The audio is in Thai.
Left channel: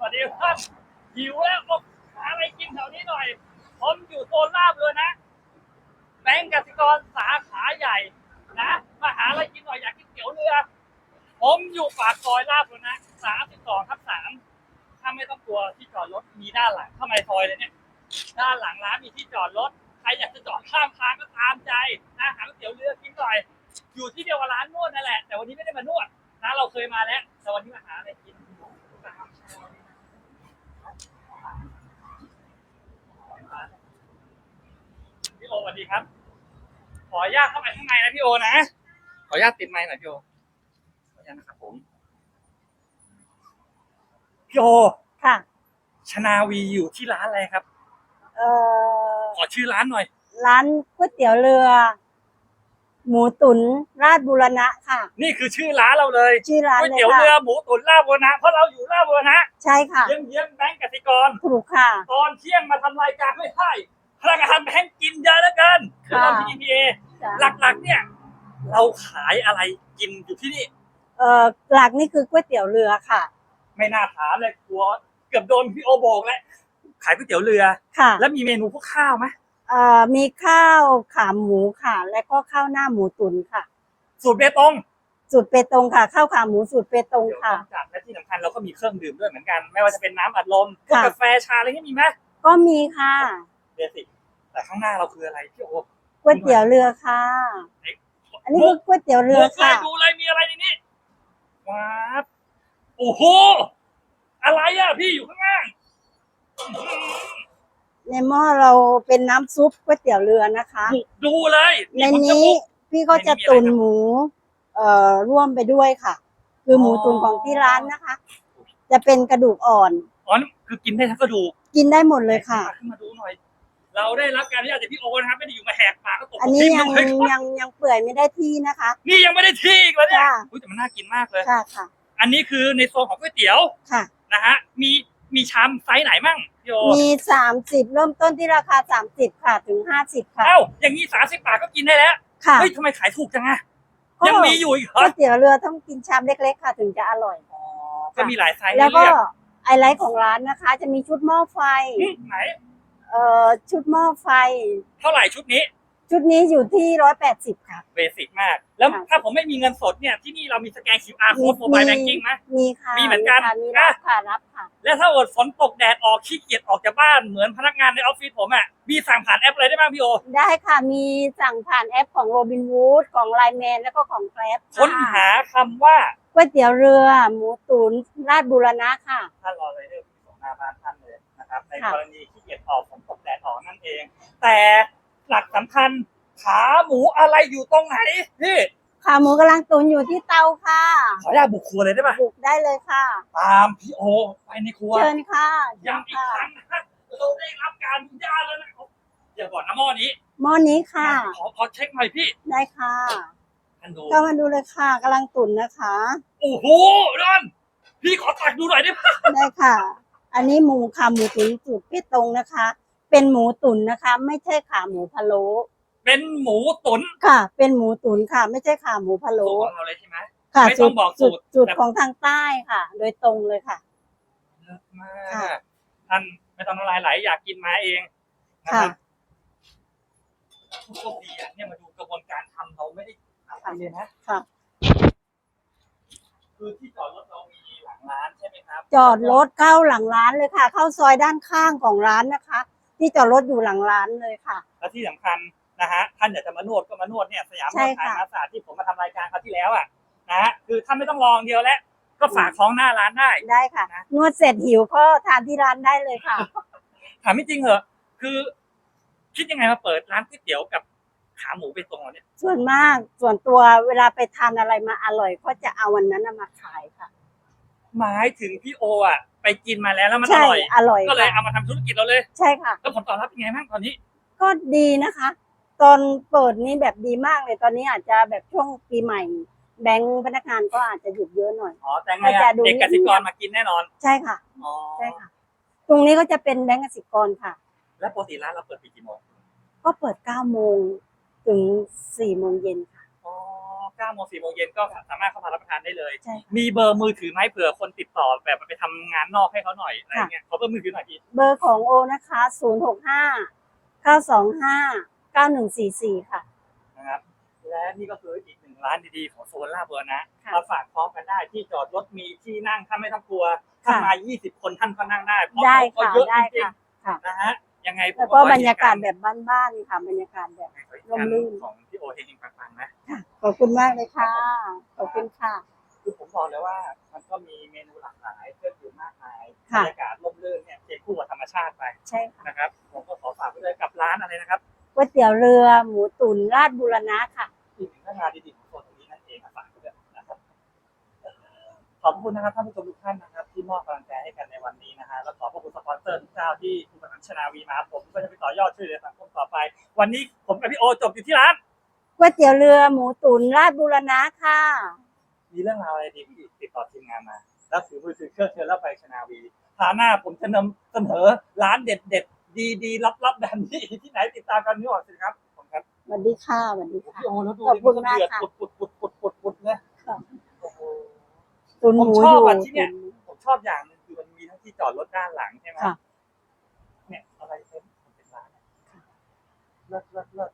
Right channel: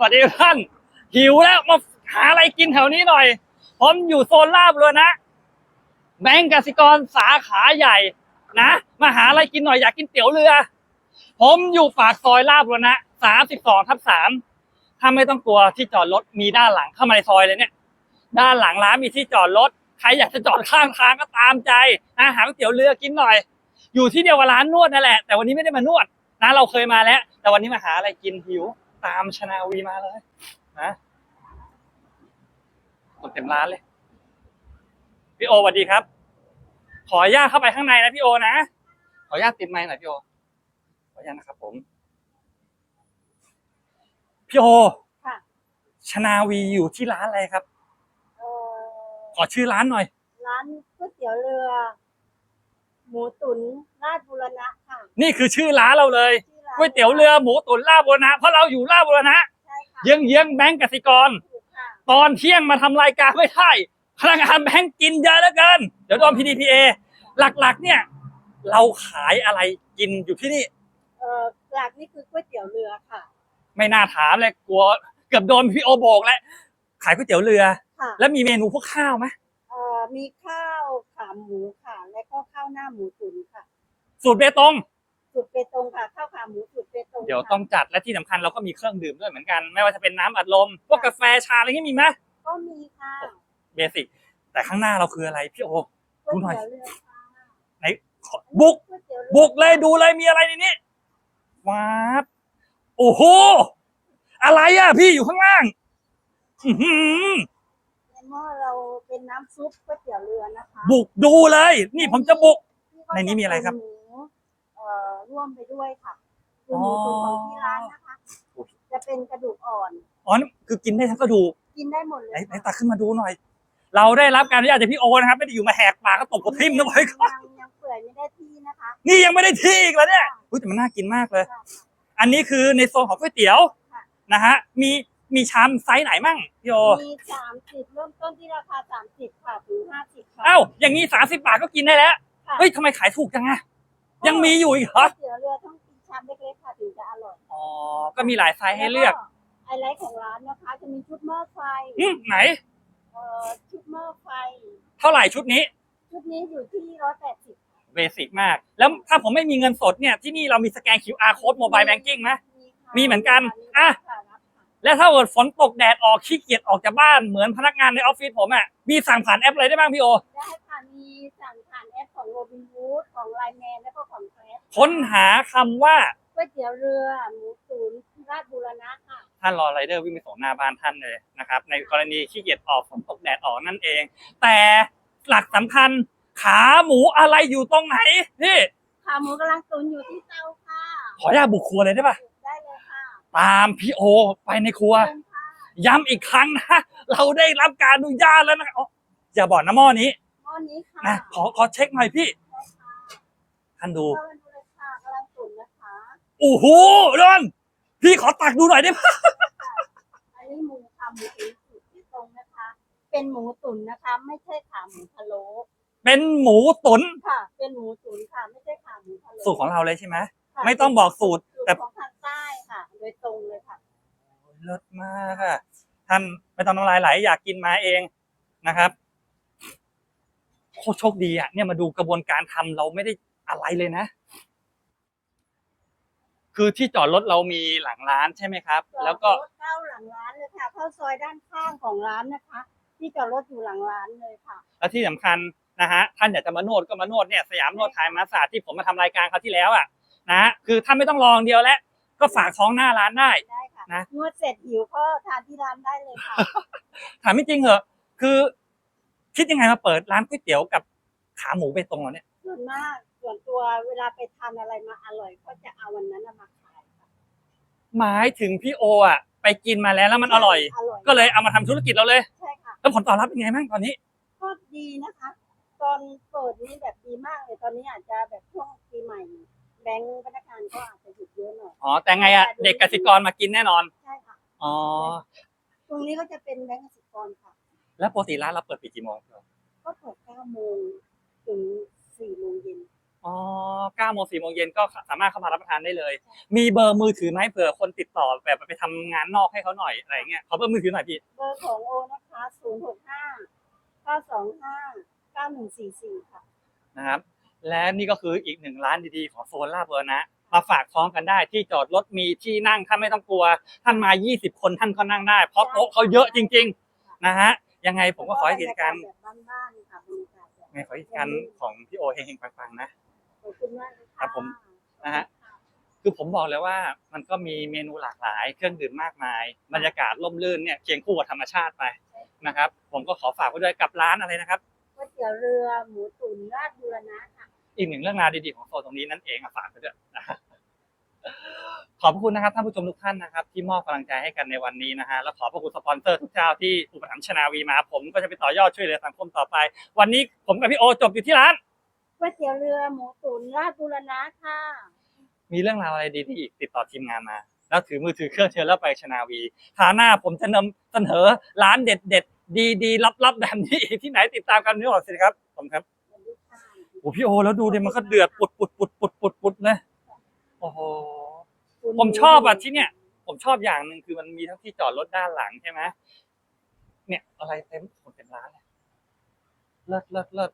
สวัสดีท่านหิวแล้วมาหาอะไรกินแถวนี้หน่อย ผมอยู่โซนลาบเลยนะแบงก์กสิกรสาขาใหญ่ นะมาหาอะไรกินหน่อยอยากกินเตี๋ยวเรือ ผมอยู่ปากซอยลาบเลยนะสามสิบสองทับสามถ้าไม่ต้องกลัวที่จอดรถมีด้านหลังเข้ามาในซอยเลยเนี่ย ด้านหลังร้านมีที่จอดรถใครอยากจะจอดข้างทางก็ตามใจอาหารเตี๋ยวเรือกินหน่อย อยู่ที่เดียวกับร้านนวดนั่นแหละ แต่วันนี้ไม่ได้มานวดนะเราเคยมาแล้ว แต่วันนี้มาหาอะไรกินหิว ตามชนาวีมาเลยนะคนเต็มร้านเลย พี่โอสวัสดีครับ ขออนุญาตเข้าไปข้างในนะพี่โอนะ ขออนุญาตติดไมค์หน่อยพี่โอ ขออนุญาตนะครับผม พี่โอ ค่ะ ชนาวีอยู่ที่ร้านอะไรครับ เอ่อ ขอชื่อร้านหน่อย ร้านก๋วยเตี๋ยวเรือ หมูตุ๋นราชบุรณะค่ะ นี่คือชื่อร้านเราเลยชื่อร้านก๋วยเตี๋ยวลค่ะเรือหมูตุ๋นลาบบัวนะเพราะเราอยู่ลาบบัวนะใช่ค่ะเยื้องเยื้องๆแบงก์กสิกรถูกค่ะ ตอนเที่ยงมาทำรายการไม่ได้พนักงานแบงก์กินเยอะเหลือเกินเดี๋ยวก่อนค่ะ PDPA จ้ะหลักๆ เนี่ย เราขายอะไรกินอยู่ที่นี่เอ่อหลักนี่คือก๋วยเตี๋ยวเรือค่ะ ไม่น่าถามเลยกลัวเกือบโดนพี่โอบอกแล้วขายก๋วยเตี๋ยวเรือค่ะแล้วมีเมนูพวกข้าวไหมเอ่อ มีข้าวขาหมูค่ะ และก็ข้าวหน้าหมูตุ๋นค่ะ สูตรเบตงสูตรเปตงค่ะ ข้าวขาหมูสูตรเปตงเดี๋ยวค่ะ ต้องจัดและที่สำคัญเราก็มีเครื่องดื่มด้วยเหมือนกัน ไม่ว่าจะเป็นน้ำอัดลมพวกค่ะ กาแฟชาอะไรนี่มีไหมก็มีค่ะเบสิกแต่ข้างหน้าเราคืออะไรพี่โอก๋วยเตี๋ยวเรือค่ะ ไหนขออันนี้บุคืกอก๋วยเตี๋ยวเรือบุกเลยค่ะดูเลยมีอะไรในนี้ว้าบโอ้โหอะไรอะพี่อยู่ข้างล่างอื้อหือ ในหม้อเราเป็นน้ำซุปก๋วยเตี๋ยวเรือนะคะบุกดูเลย ในนี่ผมจะนี้บุก พี่ก็ในนี้จะมีอะไรตุนครับ หมูเอ่อร่วมไปด้วยค่ะ คือหมูอ๋อตุนของที่ร้านนะคะ จะเป็นกระดูกอ่อน อ๋อนั่นคือกินได้ทั้งกระดูกกินได้หมดเลยค่ะไหนตักขึ้นมาดูหน่อย เราได้รับการอนุญาตจากพี่โอนะครับไม่ได้อยู่มาแหกปากก็ตกอันกระนี้ทิ่มยังด้วยครับยังยังเปื่อยไม่ได้ที่นะคะนี่ยังไม่ได้ที่อีกแล้วเนี่ยค่ะอุ๊ยแต่มันน่ากินมากเลย ค่ะค่ะอันนี้คือในโซนของก๋วยเตี๋ยวค่ะ นะฮะมี มีชามไซส์ไหนมั่งพี่โอมีสามสิบเริ่มต้นที่ราคาสามสิบค่ะ ถึงห้าสิบค่ะ เอ้าอย่างนี้สามสิบบาทก็กินได้แล้วค่ะเฮ้ยทำไมขายถูกจังอะก็ยังมีอยู่อีกเหรก๋อวยเตี๋ยวเรือต้องกินชามเล็กๆ ค่ะ ถึงจะอร่อย อ๋อก็มีหลายไซส์แล้ให้วก็เลือกไฮไลท์ของร้านนะคะ จะมีชุดหม้อไฟอืมไหน เอ่อ ชุดหม้อไฟ เท่าไหร่ชุดนี้ชุดนี้อยู่ที่ร้อยแปดสิบค่ะ เบสิกมาก แล้วค่ะ ถ้าผมไม่มีเงินสดเนี่ยที่นี่เรามีสแกน QR code mobile banking ไหม มีค่ะมีเหมือนกัน ค่ะมีอะรับค่ะรับค่ะ แล้วถ้าเกิดฝนตกแดดออกขี้เกียจออกจากบ้านเหมือนพนักงานในออฟฟิศผมอะมีสั่งผ่านแอปอะไรได้บ้างพี่โอ ได้ค่ะ มีสั่งผ่านแอปของโรบิน o ูดของไลแมนแล้วก็ของแกร็บค้นหาคำว่าก๋วยเตี๋ยวเรือ หมูตุ๋นราชบุรณะค่ะ ท่านรอไรเดอร์วิ่งไปส่งหน้าบ้านท่านเลยนะครับ ในค่ะ กรณีขี้เกียจออกฝนตกแดดออกนั่นเอง แต่หลักสำคัญขาหมูอะไรอยู่ตรงไหนพี่ ขาหมูกำลังตุ๋นอยู่ที่เตาค่ะ ขออนุญาตบุกครัวเลยได้ปะบุกได้เลยค่ะ ตามพี่โอไปในครัว เชิญค่ะย้ำอีกครั้งนะ เราได้รับการอนุญาตแล้วนะอ๋ออย่าบอกนะหม้อนี้หม้อนี้ค่ะ อะขอขอเช็คหน่อยพี่ได้ค่ะท่านดูเข้ามาดูเลยค่ะกำลังตุ๋นนะคะ โอ้โหดอนพี่ขอตักดูหน่อยได้ไหมได้ค่ะ อันนี้หมูขาหมูตุ๋นสูตรพี่ตรงนะคะ เป็นหมูตุ๋นนะคะ ไม่ใช่ขาหมูพะโล้ เป็นหมูตุ๋นค่ะ เป็นหมูตุ๋นค่ะ ไม่ใช่ขาหมูพะโล้สูตรของเราเลยใช่ไหมค่ะไม่ต้องบอกสูตรสูตรแต่ของทางใต้ค่ะ โดยตรงเลยค่ะเลิศมาค่ะกท่านไม่ต้องน้ำลายไหลอยากกินมาเองนะครับโคตรโชคดีอะเนี่ยมาดูกระบวนการทำเราไม่ได้อะไรเลยนะค่ะคือที่จอดรถเรามีหลังร้านใช่ไหมครับ จอดแล้วรก็ถเข้าหลังร้านเลยค่ะ เข้าซอยด้านข้างของร้านนะคะ ที่จอดรถอยู่หลังร้านเลยค่ะ แล้วที่สำคัญ นะฮะท่านอยากจะมานวดก็มานวดเนี่ยสยามนใช่วดไทยค่ะมาศาสตร์ที่ผมมาทำรายการคราวที่แล้วอะนะฮะคือท่านไม่ต้องรออย่างเดียวแล้วก็ฝากของหน้าร้านได้ได้ค่ะนะนวดเสร็จหิวก็ทานที่ร้านได้เลยค่ะ ถามไม่จริงเหรอะคือ คิดยังไงมาเปิดร้านก๋วยเตี๋ยวกับขาหมูไปตรงเราเนี่ย ส่วนมากส่วนตัวเวลาไปทานอะไรมาอร่อย ก็จะเอาวันนั้นน่ะมาขายค่ะ หมายถึงพี่โออะ ไปกินมาแล้วแล้วมันอใช่ร่อยอร่อย ก็เลยค่ะเอามาทำธุรกิจเราเลย ใช่ค่ะ แล้วผลตอบรับเป็นไงบ้างตอนนี้ ก็ดีนะคะ ตอนเปิดนี้แบบดีมากเลยตอนนี้อาจจะแบบช่วงปีใหม่ แบงค์พนักงานก็อาจจะหยุดเยอะหน่อย อ๋อ แต่ไงอะแต่ดูเด็กกสิกรมากินแน่นอน ใช่ค่ะอ๋อใช่ค่ะตรงนี้ก็จะเป็นแบงก์กสิกรค่ะ แล้วปกติร้านเราเปิดปิดกี่โมงก็เปิด9โมงถึง4โมงเย็นค่ะอ๋อเก้าโมงสี่โมงเย็นก็สามารถเข้ามารับประทานได้เลยใช่มีเบอร์มือถือไหมเผื่อคนติดต่อแบบไปทำงานนอกให้เขาหน่อยอะไรเงี้ยขอเบอร์มือถือหน่อยพี่ เบอร์ของโอนะคะศูนย์หกห้าเก้าสองห้า เก้าหนึ่งสี่สี่ค่ะ นะครับและนี่ก็คืออีกหนึ่งร้านดีๆของโซนลาดเบอร์นะค่ะมาฝากท้องกันได้ที่จอดรถมีที่นั่งท่านไม่ต้องกลัวท่านค่ะมา 20 คนท่านก็นั่งได้ เพราะได้เขาเยอะค่ะจริงได้ค่ะ ๆนะฮะยังไงผมแล้วก็ก็ขอบรรยากาศเหแบบบ้านๆค่ะบรรยากาศแบบไงขออีกการร่มรื่น ของพี่โอเฮงๆปังๆนะ ขอบคุณมากเลยค่ะ ครับผม ขอบคุณค่ะ คือผมบอกเลยว่ามันก็มีเมนูหลากหลายเครื่องดื่มมากมายบรค่ะรยากาศร่มรื่นเนี่ยเคียงคู่กับธรรมชาติไปใช่ค่ะ นะครับ ผมก็ขอฝากไว้ด้วยกับร้านอะไรนะครับ ก๋วยเตี๋ยวเรือหมูตุ๋นราดบุรณะค่ะ อีกหนึ่งเรื่องราวดีๆของโซนตรงนี้นั่นเองอะฝากไปด้วยนะฮะขอบพระคุณนะครับท่านผู้ชมทุกท่านนะครับ ที่มอบกำลังใจให้กันในวันนี้นะฮะแล้วขอบพระคุณสปอนเซอร์ทุกเจ้าที่อุปถัมภ์ชนาวีมา ผมก็จะไปต่อยอดช่วยเหลือสังคมต่อไป วันนี้ผมกับพี่โอจบอยู่ที่ร้านก๋วยเตี๋ยวเรือหมูตุ๋นราดบุรณะค่ะ มีเรื่องราวอะไรดีๆอีกติดต่อทีมงานมา แล้วถือมือถือเครื่องเชิญแล้วไปชนาวีคราวหน้าผมจะนำเสนอร้านเด็ดๆ ดีๆลับๆแบบนี้อีกที่ไหนติดตามกันนึกออกสิครับผมครับสวัสดีค่ะสวัสดีโอ้ค่ะพี่โอแล้วดูดิขอบคุณมันก็เดือดมากปุค่ะดปุดปุดปุดปุดปุดเลยค่ะโอ้โหตุ๋นหผมชอบอะยู่ที่เนี่ย ผมชอบอย่างหนึ่งคือมันมีทั้งที่จอดรถด้านหลังใช่ไหมค่ะเนี่ยอะไรเต็มหมดเป็นร้านเลยเลิศเลิศเลิศ